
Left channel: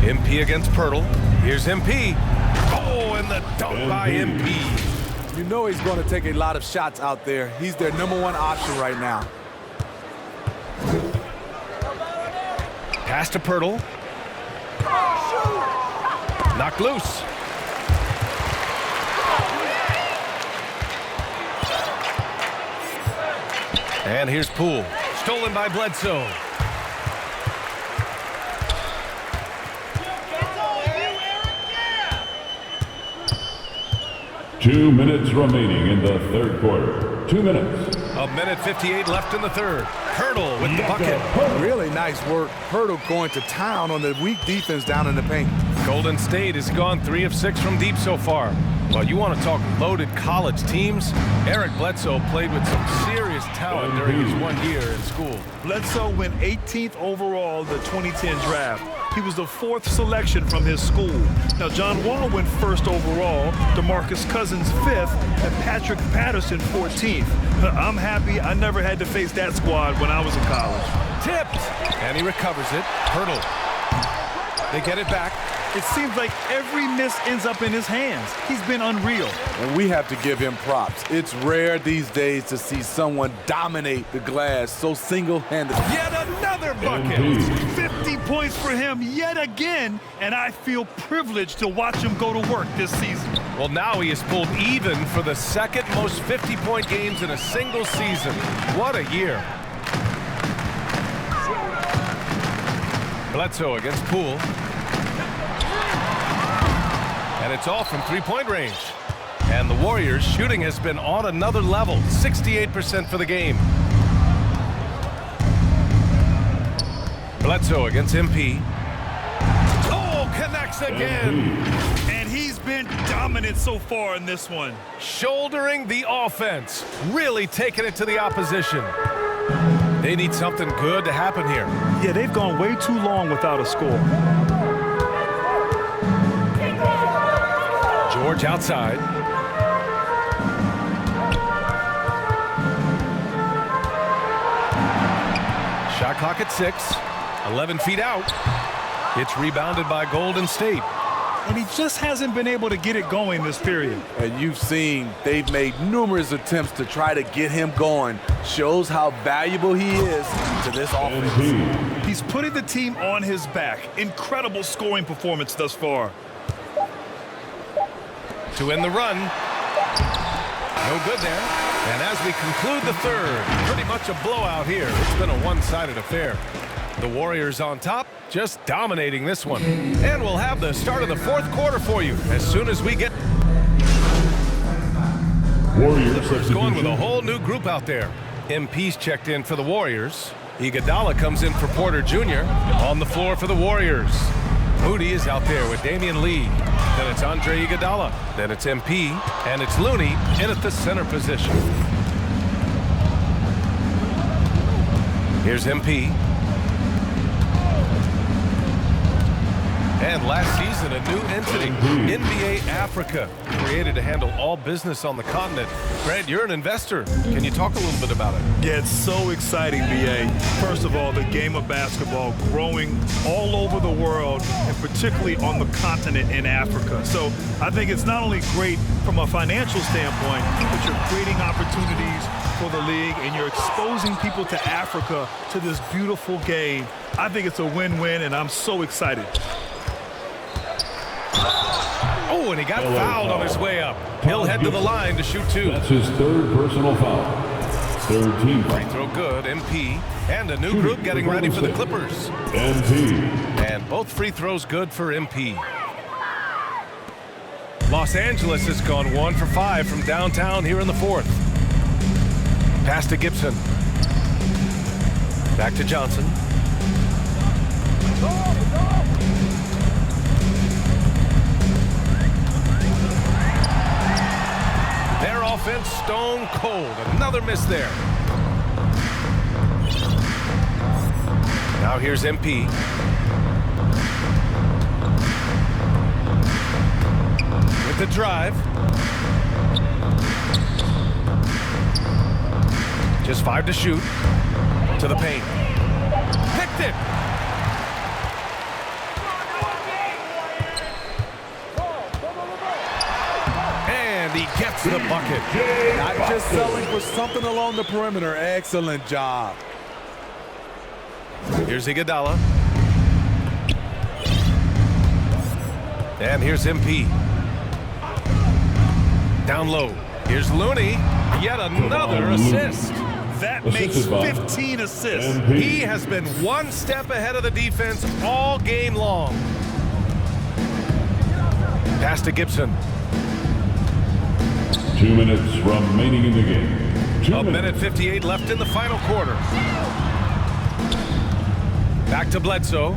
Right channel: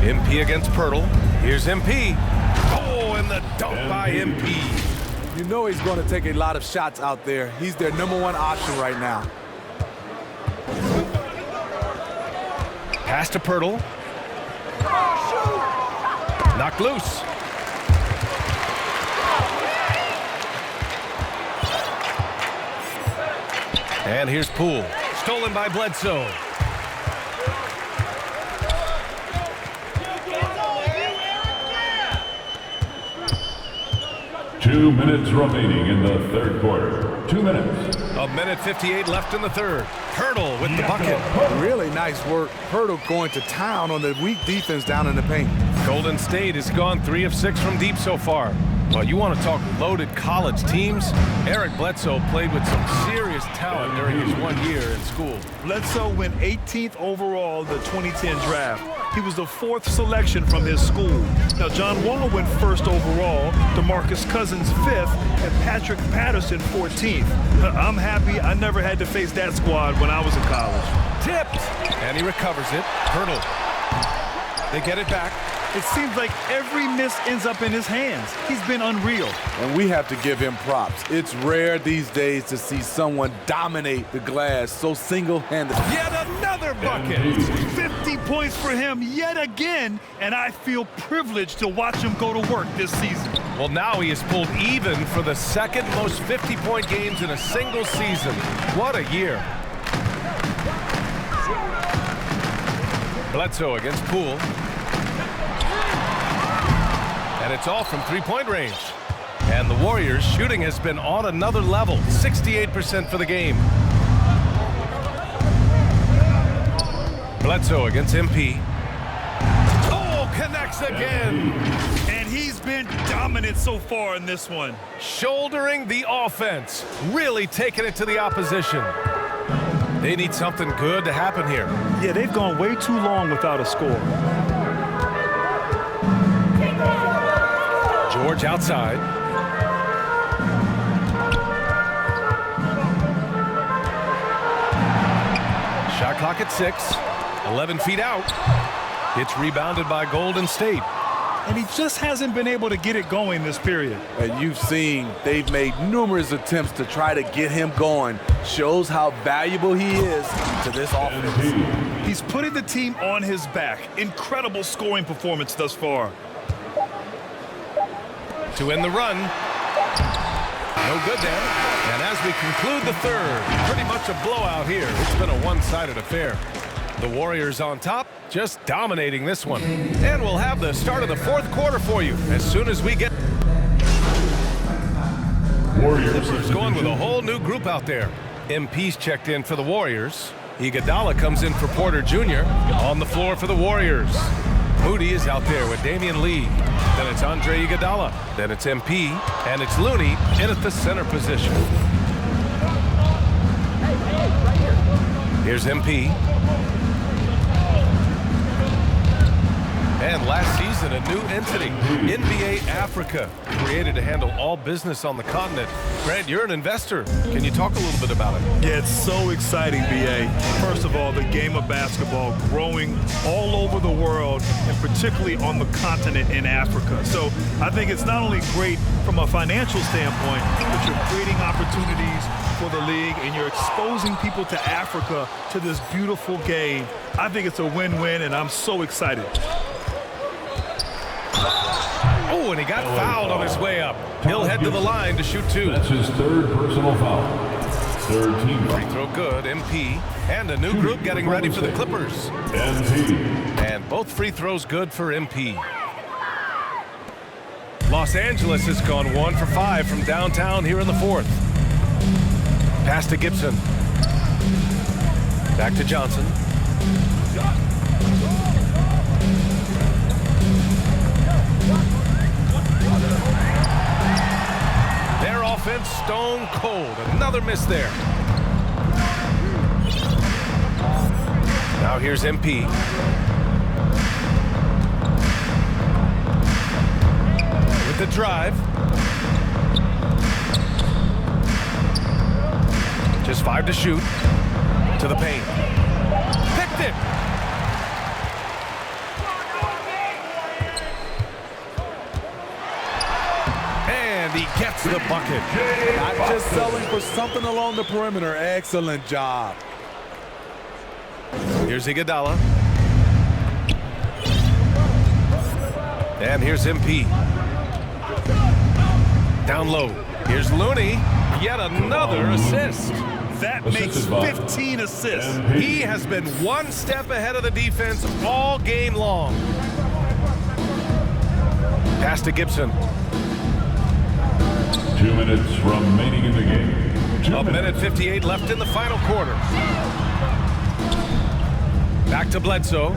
MP against Pirtle. Here's MP. Oh, and the dunk by MP. You know he's going to take a lot of shots out there. He's their #1 option right now. Pass to Pirtle. Knocked loose. And here's Poole. Stolen by Bledsoe. Two minutes remaining in the third quarter. 2 minutes. A minute 58 left in the third. Pirtle with the bucket. Really nice work. Pirtle going to town on the weak defense down in the paint. Golden State has gone 3 of 6 from deep so far. Well, you want to talk loaded college teams? Eric Bledsoe played with some serious talent during his 1 year in school. Bledsoe went 18th overall in the 2010 draft. He was the 4th selection from his school. Now, John Wall went 1st overall, DeMarcus Cousins 5th, and Patrick Patterson 14th. I'm happy I never had to face that squad when I was in college. Tipped, and he recovers it. Pirtle. They get it back. It seems like every miss ends up in his hands. He's been unreal. And we have to give him props. It's rare these days to see someone dominate the glass so single-handedly. Yet another bucket. 50 points for him yet again, and I feel privileged to watch him go to work this season. Well, now he has pulled even for the 2nd most 50-point games in a single season. What a year. Bledsoe against Poole. And it's all from three-point range. And the Warriors' shooting has been on another level, 68% for the game. Bledsoe against MP. Oh, connects again. And he's been dominant so far in this one. Shouldering the offense, really taking it to the opposition. They need something good to happen here. Yeah, they've gone way too long without a score. George outside. Shot clock at 6. 11 feet out. It's rebounded by Golden State. And he just hasn't been able to get it going this period. And you've seen they've made numerous attempts to try to get him going. Shows how valuable he is to this offense. He's putting the team on his back. Incredible scoring performance thus far. To end the run. No good there. And as we conclude the third, pretty much a blowout here. It's been a one-sided affair. The Warriors on top, just dominating this one. And we'll have the start of the fourth quarter for you as soon as we get. Clippers going with a whole new group out there. MP's checked in for the Warriors. Iguodala comes in for Porter Jr. On the floor for the Warriors. Moody is out there with Damian Lee. Then it's Andre Iguodala. Then it's MP. And it's Looney in at the center position. Here's MP. And last season, a new entity, NBA Africa, created to handle all business on the continent. Grant, you're an investor. Can you talk a little bit about it? Yeah, it's so exciting, BA. First of all, the game of basketball growing all over the world, and particularly on the continent in Africa. So I think it's not only great from a financial standpoint, but you're creating opportunities for the league and you're exposing people to Africa, to this beautiful game. I think it's a win-win, and I'm so excited. Oh, and he got fouled on his way up. He'll head to the line to shoot 2. That's his 3rd personal foul. 3rd team foul. Free throw good, MP. And a new group getting ready for the Clippers. MP. And both free throws good for MP. Los Angeles has gone 1 for 5 from downtown here in the 4th. Pass to Gibson. Back to Johnson. Their offense stone cold. Another miss there. Now here's MP. With the drive. Just 5 to shoot. To the paint. Picked it. And he gets the bucket. Not just selling for something along the perimeter. Excellent job. Here's Iguodala. And here's MP. Down low. Here's Looney. Yet another assist. That makes 15 assists. He has been one step ahead of the defense all game long. Pass to Gibson. 2 minutes remaining in the game. 1 minute 58 left in the final quarter. Back to Bledsoe.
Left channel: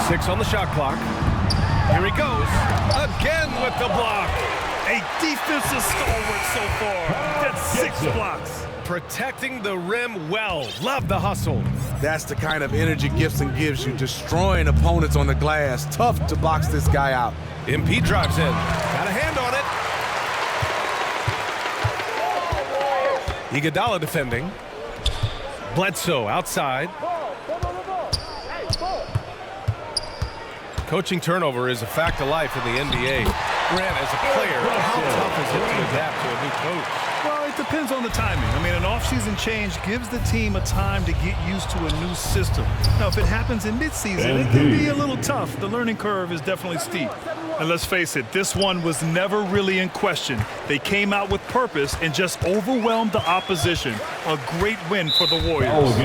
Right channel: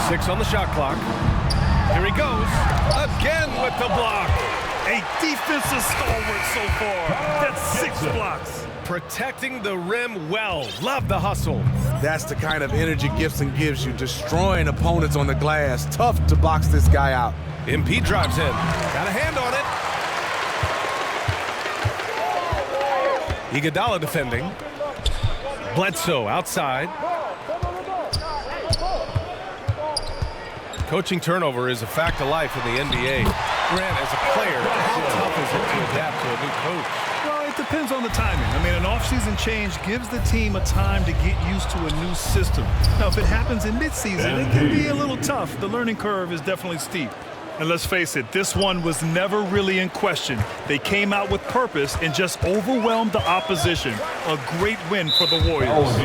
6 on the shot clock. Here he goes. Again with the block. A defensive stalwart so far. That's 6 blocks. Protecting the rim well. Love the hustle. That's the kind of energy Gibson gives you, destroying opponents on the glass. Tough to box this guy out. MP drives in. Got a hand on it. Iguodala defending. Bledsoe outside. Coaching turnover is a fact of life in the NBA. Grant, as a player, how tough is it to adapt to a new coach? Well, it depends on the timing. I mean, an offseason change gives the team a time to get used to a new system. Now, if it happens in midseason, it can be a little tough. The learning curve is definitely steep. And let's face it, this one was never really in question. They came out with purpose and just overwhelmed the opposition. A great win for the Warriors.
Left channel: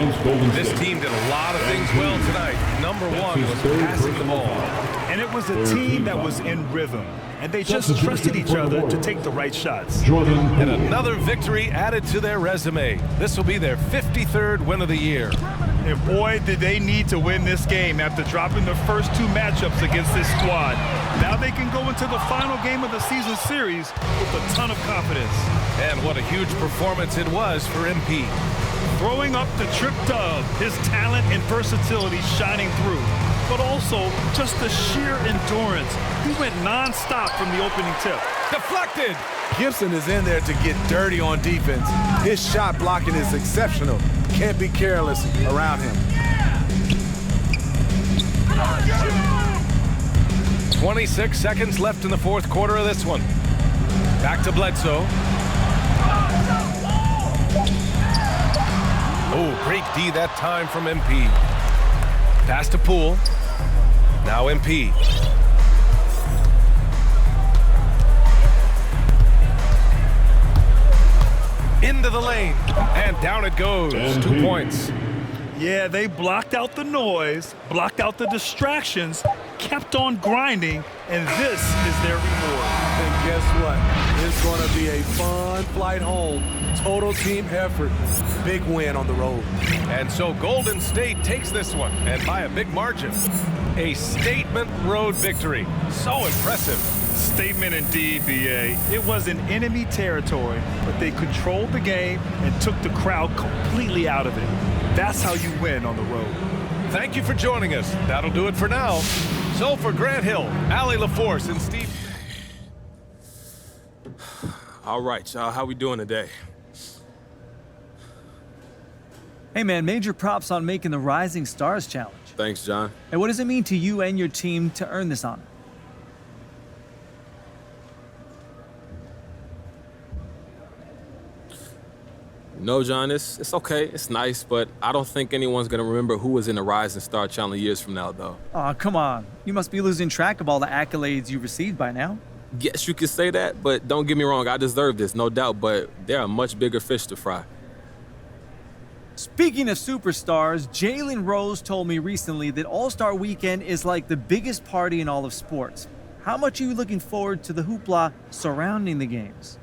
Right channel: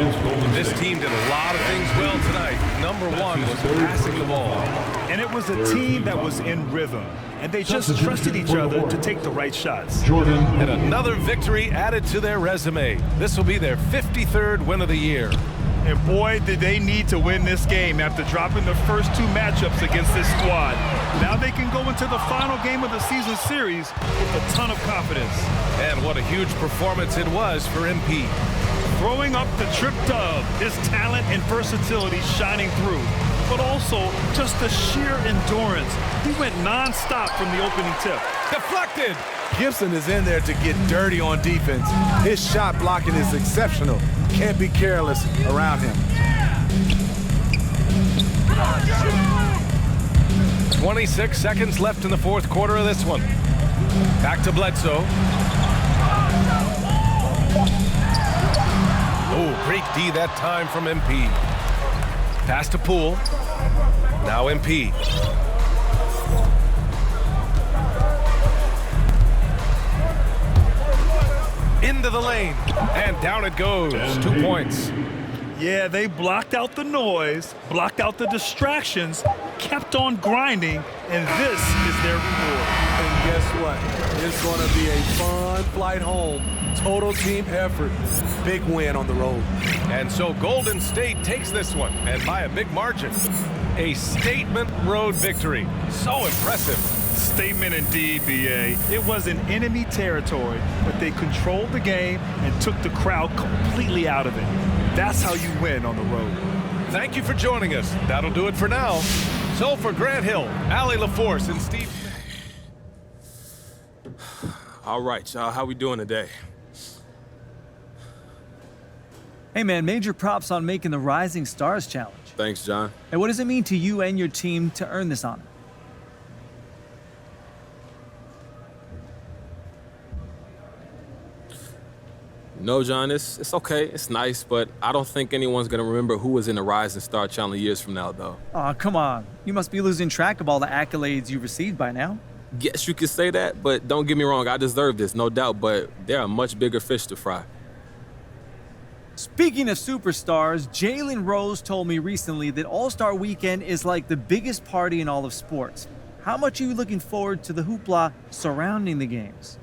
This team did a lot of things well tonight. Number 1 was passing the ball. And it was a team that was in rhythm. And they just trusted each other to take the right shots. And another victory added to their resume. This will be their 53rd win of the year. And boy, did they need to win this game after dropping the first 2 matchups against this squad. Now they can go into the final game of the season series with a ton of confidence. And what a huge performance it was for MP. Throwing up the trip dub, his talent and versatility shining through. But also just the sheer endurance. He went non-stop from the opening tip. Deflected. Gibson is in there to get dirty on defense. His shot blocking is exceptional. Can't be careless around him. 26 seconds left in the 4th quarter of this one. Back to Bledsoe. Oh, great D that time from MP. Pass to Poole. Now MP. Into the lane. And down it goes. 2 points. Yeah, they blocked out the noise, blocked out the distractions, kept on grinding, and this is their reward. And guess what? It's going to be a fun flight home. Total team effort. Big win on the road. And so Golden State takes this one, and by a big margin. A statement road victory. So impressive. Statement indeed, BA. It was in enemy territory, but they controlled the game and took the crowd completely out of it. That's how you win on the road. thank you for joining us. That'll do it for now. So for Grant Hill, Allie LaForce, and Steve... All right, y'all, how we doing today? Hey man, major props on making the Rising Stars Challenge. Thanks, John. Hey, what does it mean to you and your team to earn this honor? No, John, it's okay. It's nice, but I don't think anyone's going to remember who was in the Rising Star Challenge years from now, though. Aw, come on. You must be losing track of all the accolades you've received by now. Yes, you could say that, but don't get me wrong. I deserve this, no doubt, but there are much bigger fish to fry. Speaking of superstars, Jalen Rose told me recently that All-Star Weekend is like the biggest party in all of sports. How much are you looking forward to the hoopla surrounding the games?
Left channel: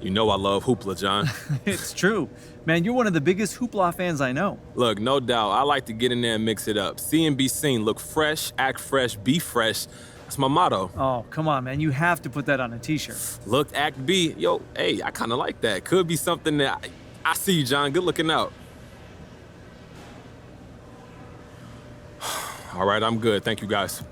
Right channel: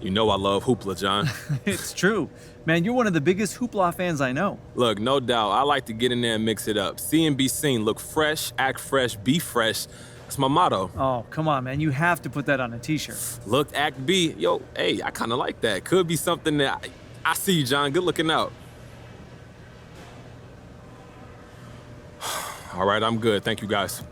You know I love hoopla, John. It's true. Man, you're one of the biggest hoopla fans I know. Look, no doubt, I like to get in there and mix it up. See and be seen. Look fresh, act fresh, be fresh. That's my motto. Oh, come on, man. You have to put that on a t-shirt. Look, act, be. Yo, hey, I kind of like that. Could be something that... I see you, John. Good looking out. All right, I'm good. Thank you, guys.